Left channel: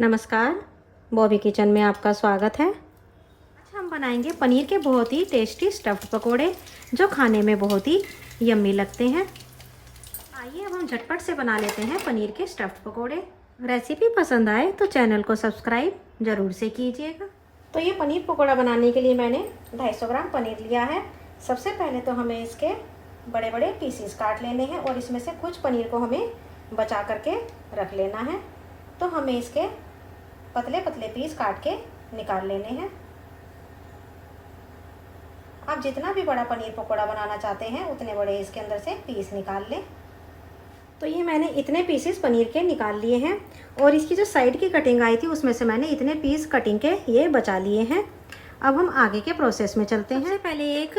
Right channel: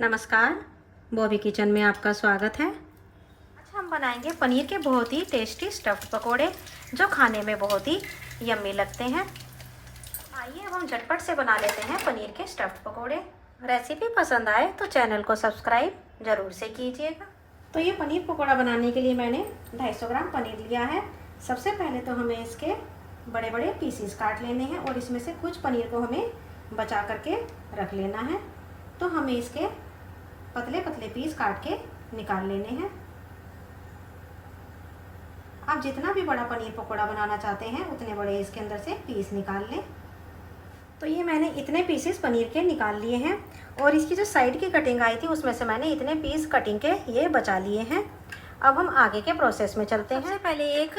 नमस्कार, बॉबी किचन में आपका स्वागत है। आज हम बनाएंगे पनीर के बहुत ही टेस्टी स्टफ्ड पकोड़े जो खाने में बहुत ही यम्मी लगते हैं। आइए अब हम झटपट से बना लेते हैं पनीर के स्टफ्ड पकोड़े। रेसिपी पसंद आए तो चैनल को सब्सक्राइब ज़रूर से कीजिएगा। तो ये पनीर पकोड़ा बनाने के लिए मैंने 250 ग्राम पनीर लिया है। सबसे पहले तो हमें इसके बड़े बड़े पीसीस काट लेने हैं और इसमें से कुछ पनीर को हमें बचा करके रख लेना है। तो हमें इसके पतले पतले पीस काट के निकाल लेने हैं। आप जितना भी बड़ा पनीर पकोड़ा बनाना चाहते हैं उतने बड़े इसके अंदर से पीस निकाल लें। तो ये मैंने इतने पीसेस पनीर के निकाल लिए हैं और इसकी जो साइड की कटिंग आई थी उसमें से मैंने इतने पीस कटिंग के ये बचा लिए हैं। अब हम आगे के प्रोसेस में चलते हैं। सबसे पहले एक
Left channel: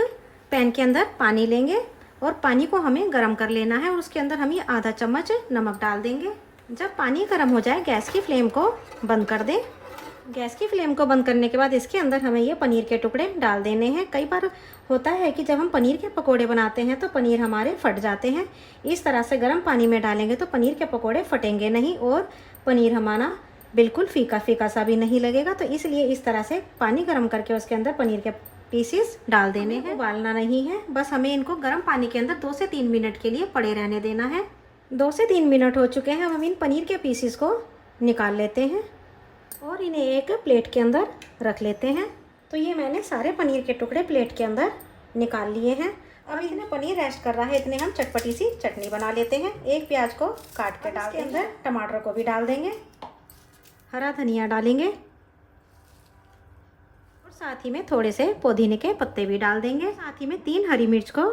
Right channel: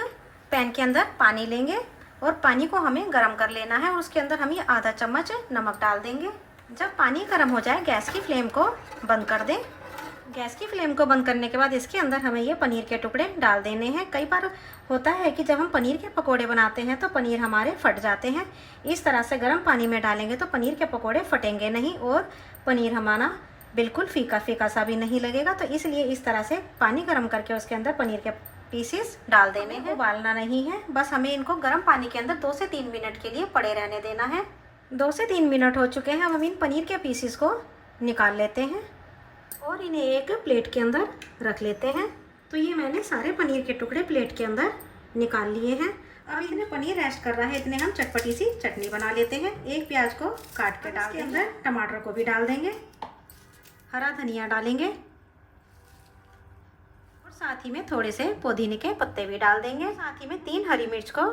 पैन के अंदर पानी लेंगे और पानी को हमें गर्म कर लेना है और उसके अंदर हम ये आधा चम्मच नमक डाल देंगे। जब पानी गर्म हो जाए गैस की फ्लेम को बंद कर दें। गैस की फ्लेम को बंद करने के बाद इसके अंदर हमें ये पनीर के टुकड़े डाल देने हैं। कई बार होता है कि जब हम पनीर के पकोड़े बनाते हैं तो पनीर हमारे फट जाते हैं। इस तरह से गर्म पानी में डालेंगे तो पनीर के पकोड़े फटेंगे नहीं और पनीर हमारा बिल्कुल फीका फीका सा भी नहीं लगेगा। तो इसलिए इस तरह से पानी गर्म करके उसके अंदर पनीर के पीसेस डाल देने हैं। उबालना नहीं है, बस हमें इनको गर्म पानी के अंदर 2 से 3 मिनट के लिए पड़े रहने देना है। 2 से 3 मिनट हो चुके हैं। हम इन पनीर के पीसेस को निकाल लेते हैं और इन्हें एक प्लेट के अंदर रख लेते हैं। तो ये मैंने सारे पनीर के टुकड़े प्लेट के अंदर निकाल लिए हैं। अब इतने पनीर रेस्ट कर रहा है, इतने हम चटपटी सी चटनी बना लेते हैं। एक प्याज को काट के डाल के अंदर टमाटर को भी डाल देंगे, हरा धनिया डालेंगे और साथ ही में थोड़े से पुदीने के पत्ते भी डाल देंगे। साथ ही में 3 हरी मिर्च को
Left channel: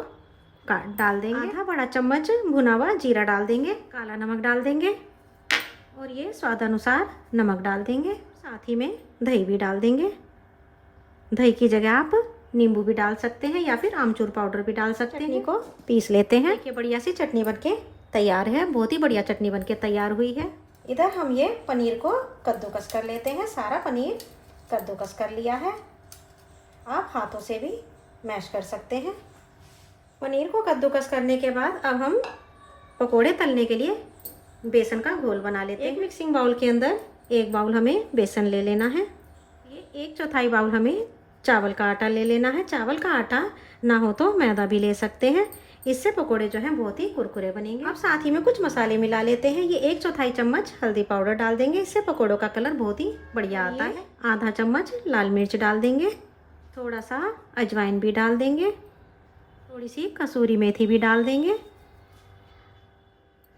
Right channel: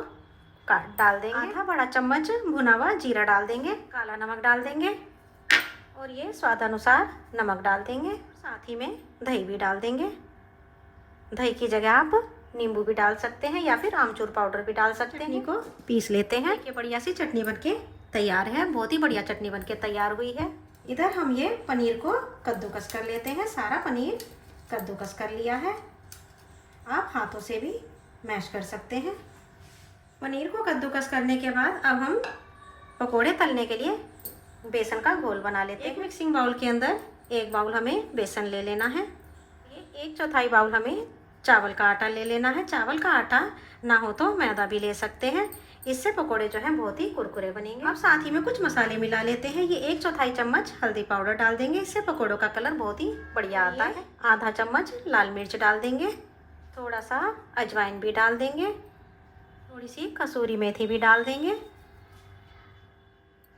काट डाल देंगे। आधा बड़ा चम्मच भुना हुआ जीरा डाल देंगे, काला नमक डाल देंगे और ये स्वाद अनुसार नमक डाल देंगे। साथ ही में दही भी डाल देंगे। दही की जगह आप नींबू भी डाल सकते हैं या फिर आमचूर पाउडर भी डाल सकते हैं। चटनी को पीस लेते हैं। देखिए बढ़िया सी चटनी बनके तैयार है, बहुत ही बढ़िया चटनी बनके तैयार हुई है। इधर हम ये पनीर को कद्दूकस कर लेते हैं। सारा पनीर कद्दूकस कर लिया है। आप हाथों से भी मैश कर सकते हैं। पनीर को कद्दूकस करने के बाद अब हम पकोड़े तलने के लिए बेसन का घोल बना लेते हैं। एक मिक्सिंग बाउल के अंदर 1 बाउल हमें बेसन ले लेना है। ये 1/4 बाउल हमें चावल का आटा ले लेना है। चावल का आटा ना हो तो मैदा भी ले सकते हैं, इससे पकोड़े जो हैं बहुत ही कुरकुरे बनेंगे। अब साथ ही में कुछ मसाले मिला लेते हैं। ये 1/4 चम्मच हल्दी पाउडर डाल देंगे, इससे पकोड़ों का कलर बहुत ही बढ़िया आता है। आधा चम्मच लाल मिर्च डाल देंगे, थोड़ा सा अजवाइन भी डाल देंगे, थोड़ी सी कसूरी मेथी भी डाल देंगे,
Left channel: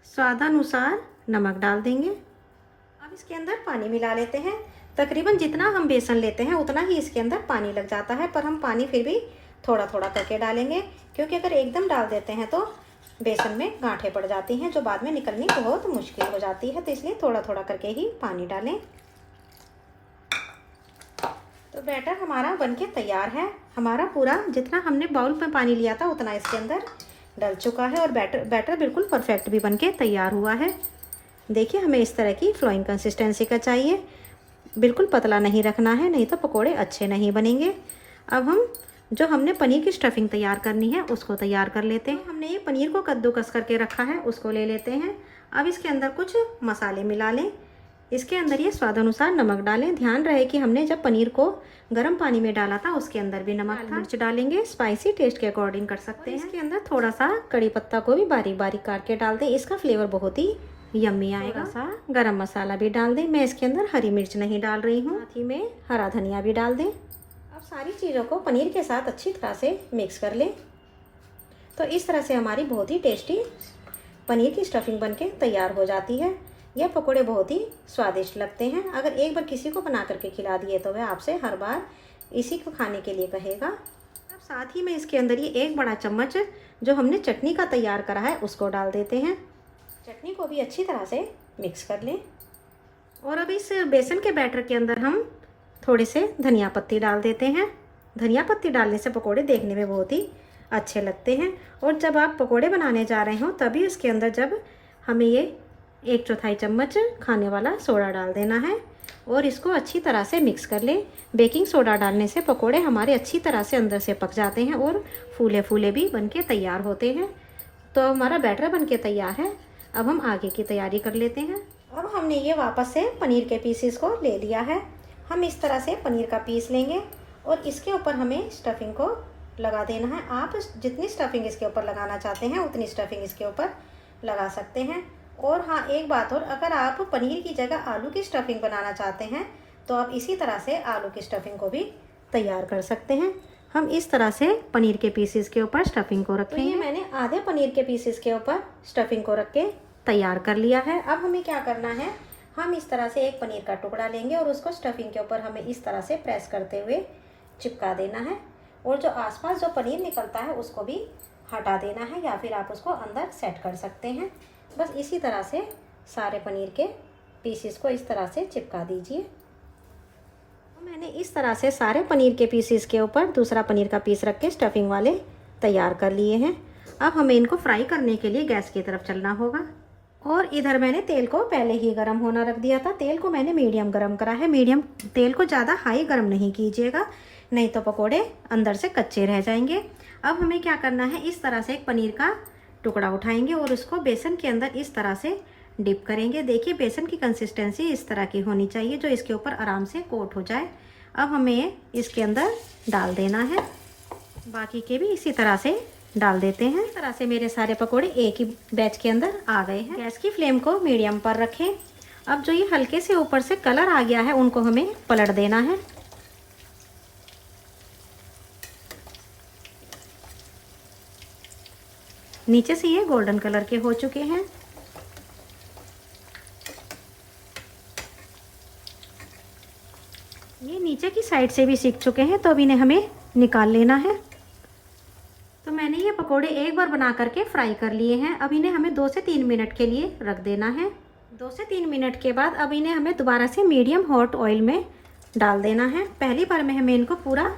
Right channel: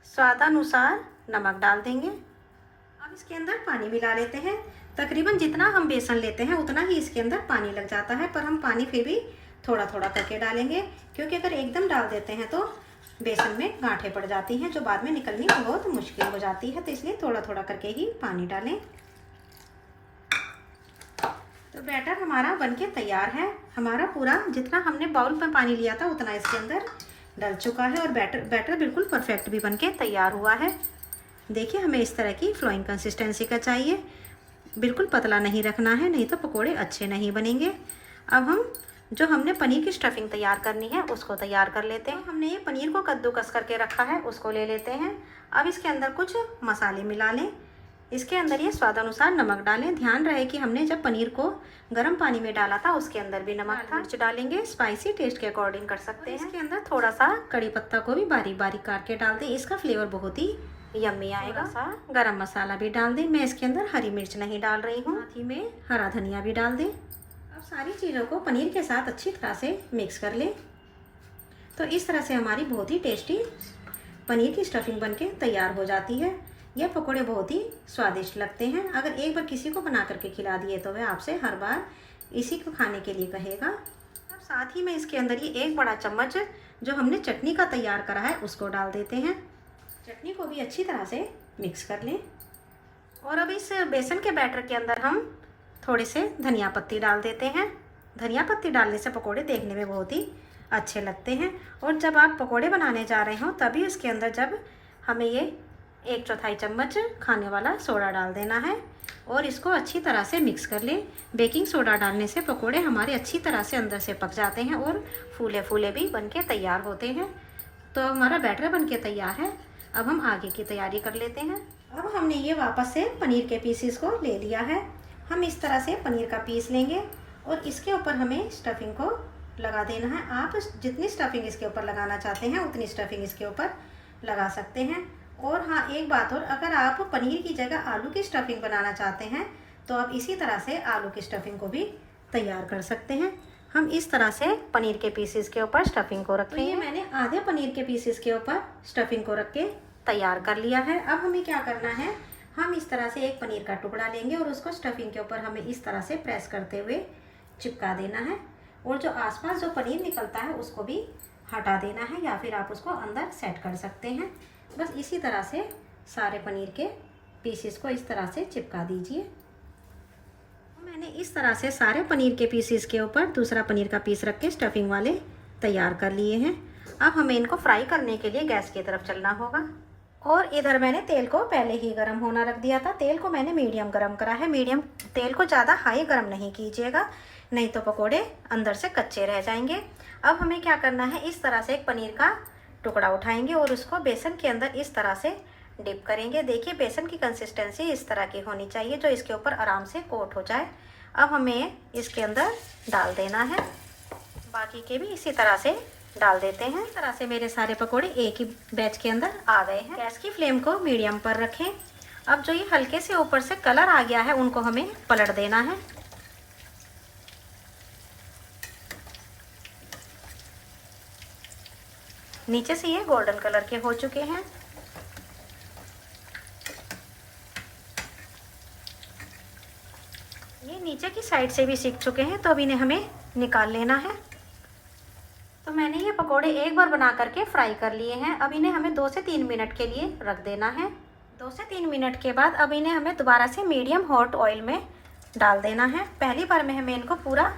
स्वादानुसार नमक डाल देंगे। अब इसके अंदर पानी मिला लेते हैं। तकरीबन जितना हम बेसन लेते हैं उतना ही इसके अंदर पानी लग जाता है, पर हम पानी फिर भी थोड़ा थोड़ा करके डालेंगे क्योंकि अगर एकदम डाल देते हैं तो बेसन में गांठें पड़ जाती हैं जो बाद में निकलनी बहुत मुश्किल हो जाती है। तो इसलिए थोड़ा थोड़ा करके ही पानी डालें। तो बैटर हमारा बनके तैयार है। हमारा पूरा जितना हमने बाउल में पानी लिया था उतना इसके अंदर डल चुका है और बैटर बिल्कुल परफेक्ट भी बनके तैयार हुआ है। देखिए हमें इस तरह की फ्लोइंग कंसिस्टेंसी का चाहिए, बिल्कुल पतला नहीं रखना है, नहीं तो पकोड़े अच्छे नहीं बनेंगे। अब हम जो हमने पनीर की स्टफिंग तैयार करनी है उसको तैयार कर लेते हैं। हमने ये पनीर को कद्दूकस करके रखा है, उसको ले लेते हैं। अब इसके अंदर कुछ मसाले मिला लें। इसके अंदर ये स्वाद अनुसार नमक डालें। ध्यान रहे कि हमने जब पनीर को गर्म पानी में डाला था उसके अंदर भी नमक था। मिर्च डालेंगे, स्पाइसी टेस्ट के अकॉर्डिंग कर सकते हैं। इसके अंदर थोड़ा सा कड़ी पत्ता को भी बारीक बारीक काट के डाल दें, इसका फ्लेवर बहुत ही यम्मी आएगा। सा गरम मसाला भी डाल दें। मैं इसके अंदर हरी मिर्च नहीं डाल रही हूँ। साथ ही में हरा धनिया भी डाल दें। अब सारी चीज़ों को पनीर के साथ अच्छी तरह से मिक्स कर लें। तो इस तरह से हमारी बहुत ही टेस्टी पनीर की स्टफिंग बनके तैयार हो जाती है। यह पकोड़े बहुत ही स्वादिष्ट लगते हैं। अगर एक बार किसी को बना करके खिला दिए तो वह आपसे हर बार इसी को खाने के लिए कहेगा। अब साथ ही में इसके अंदर ये 1 बड़ा चम्मच जो हमने चटनी का तैयार करा है उसको डाल देते हैं। चटनी को भी अच्छी तरह से मिक्स कर लें और अब इस बेसन के बैटर के अंदर हम थोड़े से धनिया पत्ती डाल देते हैं। धनिया पत्ती डालने से पकोड़े देखने में बहुत ही अच्छे लगते हैं और जब आप पकोड़े बनाने जा रहे हो तभी उसके अंदर जब हमें ये 1/4 चम्मच खाने वाला सोडा डाल देना है और इसको अच्छी तरह से मिक्स कर लें। बेकिंग सोडा डालने से पकोड़े हमारे अच्छी तरह से अंदर से पक जाते हैं और फूले फूले भी बनके तैयार होते हैं। तो हमारा बैटर बनके तैयार है। अब हम आगे की तैयारी कर लेते हैं अब हमने ये वापस से पनीर के पीसेस को ले लिया है। हम इस तरह से पनीर का पीस लेंगे और इसके ऊपर हमें स्टफिंग को लगा देना है। आप जितनी स्टफिंग इसके ऊपर लगाना चाहते हैं उतनी स्टफिंग इसके ऊपर लगा सकते हैं। और हाँ, एक बात और, अगर आप पनीर की जगह आलू की स्टफिंग बनाना चाहते हैं तो आप इसी तरह से आलू की स्टफिंग को भी तैयार कर सकते हैं। हम इस तरह से पनीर के पीसेस के ऊपर स्टफिंग को रखें। तो ये मैंने आधे पनीर के पीसेस के ऊपर स्टफिंग को रख के तैयार कर लिया है। अब हमें क्या करना है, हम इस तरह से एक पनीर का टुकड़ा लेंगे और उसको स्टफिंग के ऊपर हमें इस तरह से प्रेस करते हुए चिपका देना है। और जो आसपास जो पनीर निकलता है उसको भी हटा देना है, या फिर आप उसको अंदर सेट कर सकते हैं। बस इसी तरह से सारे पनीर के पीसेस को इस तरह से चिपका दीजिए। मैंने इस तरह से सारे पनीर के पीसेस के ऊपर दूसरा पनीर का पीस रख के स्टफिंग वाले तैयार कर लिए हैं। अब हमें इनको फ्राई करने के लिए गैस की तरफ चलना होगा। और इधर मैंने तेल को पहले ही गर्म होना रख दिया था। तेल को मैंने मीडियम गर्म करा है। मीडियम तेल को ज़्यादा हाई गर्म नहीं कीजिएगा, नहीं तो पकोड़े अंदर से कच्चे रह जाएंगे। अब हमें क्या करना है, इस तरह से एक पनीर का टुकड़ा उठाएंगे और उसको बेसन के अंदर इस तरह से डिप करेंगे। देखिए, बेसन की कंसिस्टेंसी इस तरह की होनी चाहिए जो इसके ऊपर आराम से कोट हो जाए। अब हमें इसके अंदर डाल देना है। बाकी के भी इसी तरह से डाल देते हैं। इस तरह से मेरे सारे पकोड़े एक ही बैच के अंदर आ गए हैं। गैस की फ्लेम को मीडियम पर रखें। अब जो ये हल्के से ऊपर से कलर आ गया है उनको हमें पलट देना है। नीचे से ये गोल्डन कलर के हो चुके हैं। ये नीचे की साइड से भी सीख चुके हैं, तो अब इन्हें हमें निकाल लेना है। तो मैंने ये पकोड़े एक बार बना करके फ्राई कर लिए हैं। अब इन्हें हमें 2 से 3 मिनट के लिए रख देना है। 2 से 3 मिनट के बाद अब इन्हें हमें दोबारा से मीडियम हॉट ऑयल में डाल देना है। पहली बार में हमें इनको पूरा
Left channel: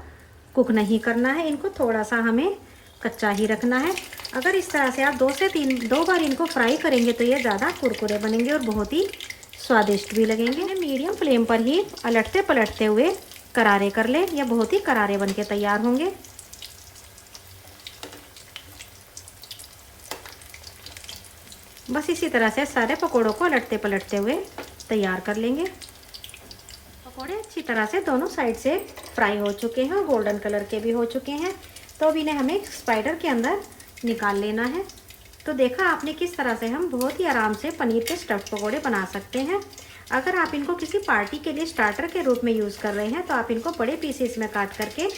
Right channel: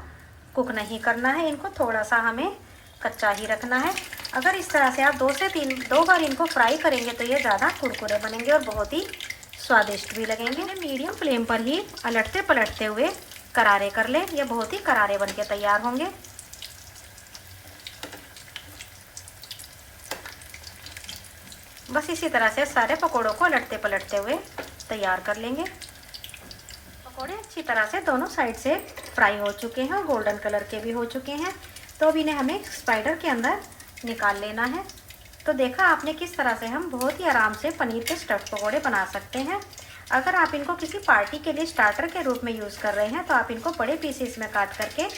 कुक नहीं करना है, इनको थोड़ा सा हमें कच्चा ही रखना है। अगर इस तरह से आप 2 बार इनको फ्राई करेंगे तो ये ज़्यादा कुरकुरे बनेंगे और बहुत ही स्वादिष्ट भी लगेंगे। मीडियम फ्लेम पर ही अलटते पलटते हुए करारे कर लें, या बहुत ही करारे बन के तैयार होंगे। बस इसी तरह से सारे पकोड़ों को अलटते पलटते हुए तैयार कर लेंगे। पकोड़े अच्छी तरह से दोनों साइड से फ्राई हो चुके हैं और गोल्डन कलर के भी हो चुके हैं। तो अब इन्हें हमें स्पाइडर के अंदर निकाल लेना है। तो देखा आपने किस तरह से हम बहुत ही आराम से पनीर के स्टफ्ड पकोड़े बना सकते हैं। अगर आप इनको किसी पार्टी के लिए स्टार्टर के रूप में यूज़ कर रहे हैं तो आप इनको बड़े पीसेस में काट करके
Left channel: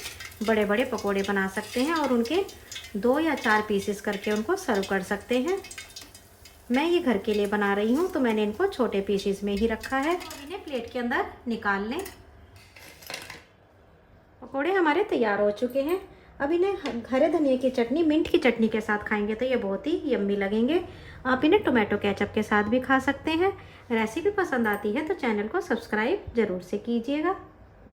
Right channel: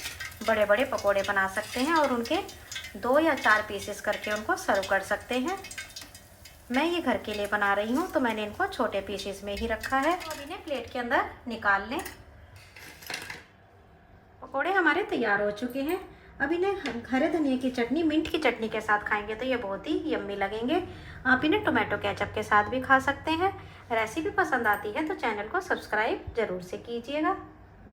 बड़े बड़े पकोड़े बना सकते हैं और उनके 2 या 4 पीसेस करके उनको सर्व कर सकते हैं। मैं ये घर के लिए बना रही हूँ तो मैंने इनको छोटे पीसेस में ही रखा है। अब इन्हें प्लेट के अंदर निकाल लें। पकोड़े हमारे तैयार हो चुके हैं। अब इन्हें हरे धनिया की चटनी, मिंट की चटनी के साथ खाएंगे तो ये बहुत ही यम्मी लगेंगे। आप इन्हें टोमेटो केचप के साथ भी खा सकते हैं। रेसिपी पसंद आती है तो चैनल को सब्सक्राइब ज़रूर से कीजिएगा।